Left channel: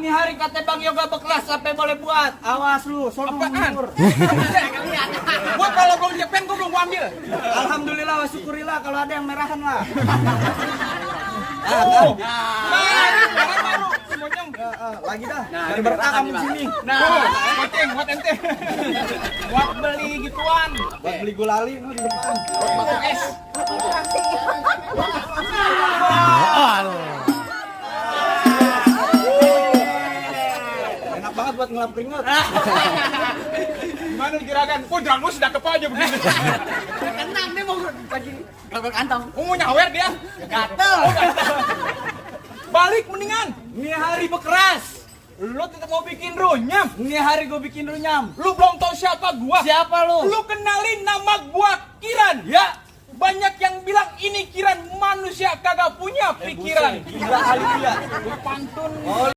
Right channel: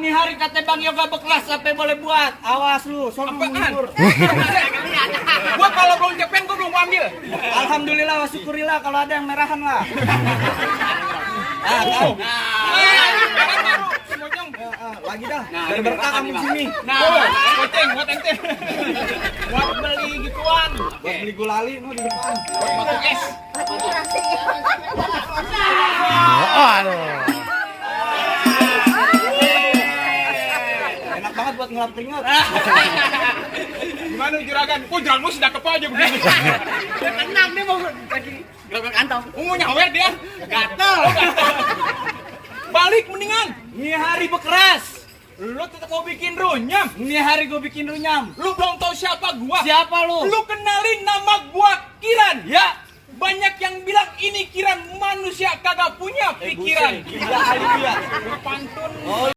nih hari kata Bang Yoga bekeras sampai boleh buat. Awas lu, sono mundur. Gua kalau belum cepen gua belum ambil. Alhamdulillah wa syukurillah kalau ada yang merahan lah. Oh. Lagi dah. Nah, Ada berkah kamu di sini. Nah, goceng buat ente. Buat beli gituan. Buat beli gulali no di depan. Masuk es. Aduh. Enak banget buat ngelap keringat. Gimana juragan? Oh, jalan lu sudah kepa aja begini. Tenang dia mau lagi gerobak kantong. Mau nyawer dia. Gatel. Balik mendingan. Ini hari bekeras. Lu tetap mau bikin runyam. Ini hari gue bikin runyam. Lu belum tahu siapa gua. Siapa lu? Lu kenalin nama gua Kiran. Ya. Banyak yang bilang ini Kiran manusia kagak punya pikiran. Gila kali dia. Pantun.